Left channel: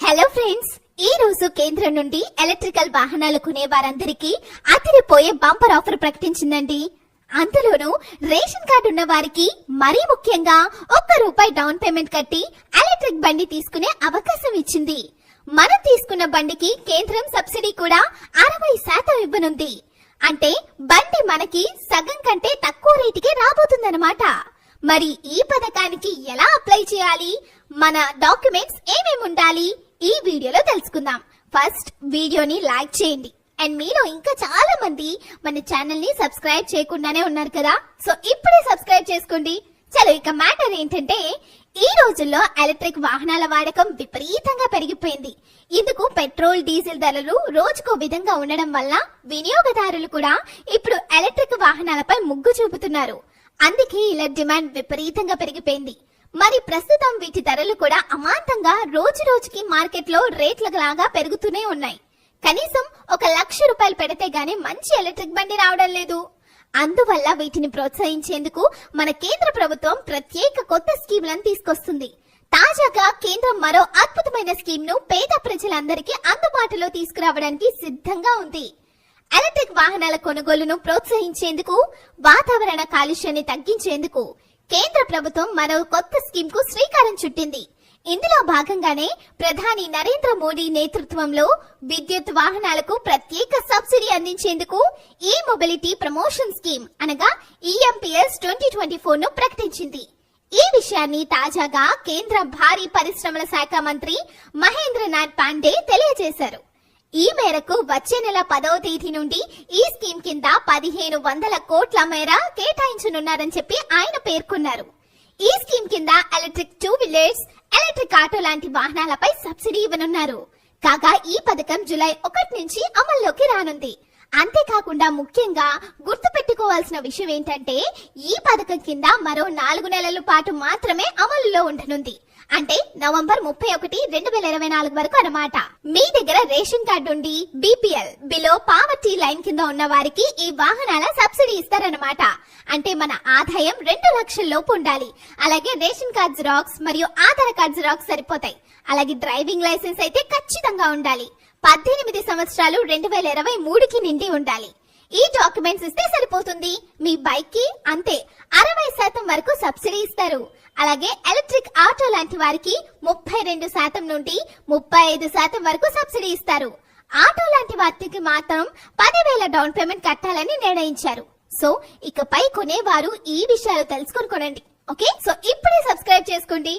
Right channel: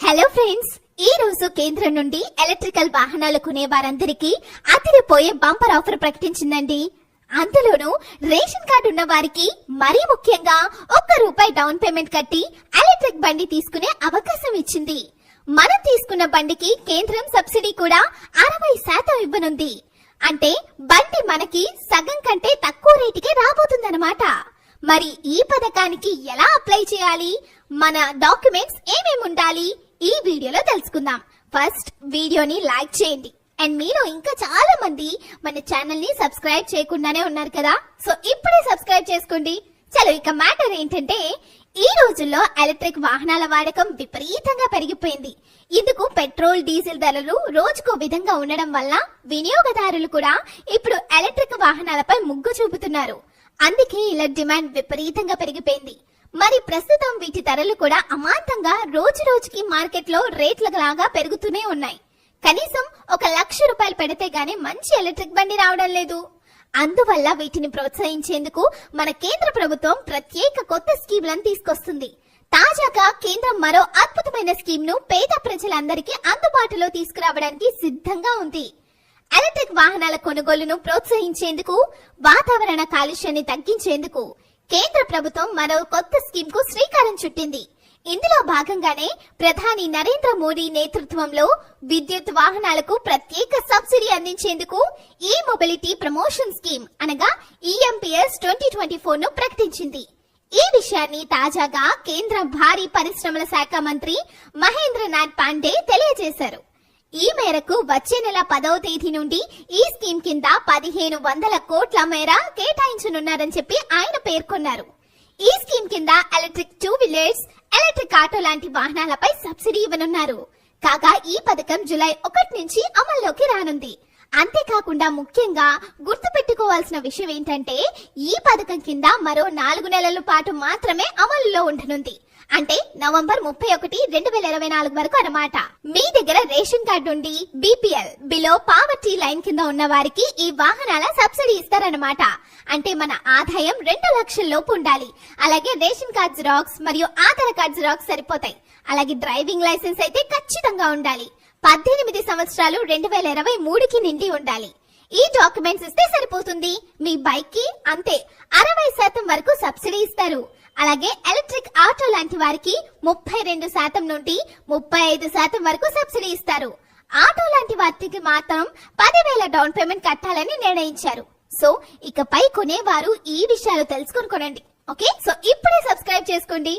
Hello friends ఈ రోజు కేంద్రం నుండి ఎలక్ట్రికల్ వాహనాలు కొనే వారందరికీ అదిరిపోయే బంపర్ ఆఫర్ ప్రకటించిందండి. అందులోనూ రేషన్ కార్డు ఉన్న వారికి మరీ ముఖ్యంగా ఒక్క రూపాయి డౌన్ పేమెంట్ కట్టి ఎలక్ట్రిక్ బండి తీసుకునే అవకాశం ఇచ్చింది. మనం తీసుకున్న బండికి కేంద్రం సబ్సిడీ కూడా అరవై శాతం ఇవ్వనుంది. అంటే బండి మనకి సగం కంటే తక్కువ రేటుకే రాబోతుందన్నమాట. మరి ఈ పథకానికి ఎలా అప్లై చేయాలి? మన డాక్యుమెంట్స్ ఏమేమి ఉండాలి ఈ వీడియోలో తెలుసుకుందాం. ఫస్ట్ వీడియోని లైక్ చేయండి. అండ్ మీలో ఇంకా చాలా మంది మన ఛానల్ని సబ్స్క్రైబ్ చేయకుండానే ఉన్నారు కదా? సో ఇప్పుడే సబ్స్క్రైబ్ చేసుకోండి. చలో ఇక మ్యాటర్ ఏంటంటే ఈ రోజుల్లో ఎలక్ట్రిక్ వాహనాల వాడకం విపరీతంగా పెరిగిపోయింది. ఇందుకు పెట్రోల్ డీజిల్ ధరలు రోజుకో విధంగా ఉండడం వల్ల వినియోగదారులు కూడా ఇప్పుడు ఎలక్ట్రిక్ వాహనాలపై మొగ్గు చూపుతున్నారు. అందుకే ఇలా డిమాండ్ విపరీతంగా పెరిగిపోయింది. మరి ప్రస్తుతం వీటి ధరలు కూడా అమాంతంగా రోజు రోజుకి మార్కెట్లో రేట్ల లాగా పెరుగుతూనే ఉన్నాయి. కనీసం ఒక లక్ష రూపాయలు పెడితే గానీ మంచి ఎలక్ట్రిక్ బండి రావడం లేదు. అందువల్ల వీటిని ప్రోత్సహించేందుకు మన కేంద్ర ప్రభుత్వం ప్రత్యేక కొత్త స్కీమ్లను తీసుకొస్తుంది. తాజాగా కేంద్రం మరో అద్భుతమైన స్కీమ్ను పేద ప్రజలందరికీ అందుబాటులో తీసుకురావడానికి సిద్ధంగా ఉంది. ఎలక్ట్రిక్ వాహనాల కొనుగోలును ప్రోత్సహించేందుకు వాతావరణ కాలుష్యాన్ని తగ్గించేందుకు కేంద్ర ప్రభుత్వం మరో కొత్త స్కీమ్కు శ్రీకారం చుట్టింది. ఇందులో భాగంగానే ప్రధాని నరేంద్ర మోడీ నేతృత్వంలో విద్యుత్ వాహనాలకు ప్రత్యేక సబ్సిడీ అందించేందుకు ఈ మొబిలిటీ ప్రమోషన్ స్కీమ్ అనగా ఈఎంపీఎస్ ట్వంటీ ట్వంటీ ఫోర్ను ప్రకటించింది. ఈ విషయాన్ని తాజాగా కేంద్ర భారీ పరిశ్రమల శాఖ మంత్రి మహేంద్రనాథ్ పాండే ఈ మేరకు వచ్చే నెల పదవ తేదీ నుండి ఈ స్కీమ్ కింద పదిహేను వందల కోట్ల మేర కేటాయించనున్నారని చెప్పి ఆయన పేర్కొన్నారు. ఈ స్కీమ్ కింద electric two wheelers electric auto లాంటి వాహనాలపై సబ్సిడీ ఇవ్వనున్నారు. కాగా ఈ పథకం జులై ఒకటి నుంచి అమల్లోకి రానుంది. అంతేకాకుండా ముఖ్యంగా గుర్తు పెట్టుకోవాల్సిన విషయం ఏంటంటే ఈ పథకం కింద మరో నాలుగు నెలల పాటు మాత్రమే అమలులో ఉండనుంది. అంటే నవంబర్ ముప్పై ఒకటి రెండు వేల ఇరవై నాలుగు వరకు అన్నమాట. మీ దగ్గర రేషన్ కార్డు ఉండి బీపీఎల్ బిలో పావర్టీ లైన్ కింద ఉన్న వారికి ఈ వాహనాల సబ్సిడీ ఇస్తారన్నమాట. అంటే మన ఆదాయం రెండు లక్షల లోపు ఉండాలి. అలాగే రేషన్ కార్డ్ జిరాక్స్ మరియు ఆధార్ కార్డ్ జిరాక్స్ సరిపోతాయి. అలాగే డ్రైవింగ్ లైసెన్స్ అయితే ఖచ్చితంగా ఉండాలి. పద్దెనిమిది సంవత్సరాలు రెండు వేల ఇరవై మూడుకి నిండి ఉండాలి. ఈ డాక్యుమెంట్స్ ఇస్తే సరిపోతుంది. మీ బైక్కి అంతే. అరవై శాతం వరకు సబ్సిడీ ఇస్తారు. అలాగే ఎలక్ట్రిక్ ఆటో లాంటి వారికి ముప్పై రెండు శాతం నుండి ముప్పై ఐదు శాతం వరకు సబ్సిడీ ఇస్తారు. ఆటో లాంటి వాటికి మాత్రం పదివేల డౌన్ పేమెంట్ కట్టాలని నిర్ణయించారు. సో ఇకపై కొనేవారు ఈ విషయాలు తెలుసుకుని కొనండి. ఓకే? సో ఇప్పుడే సబ్స్క్రైబ్ చేసుకోండి.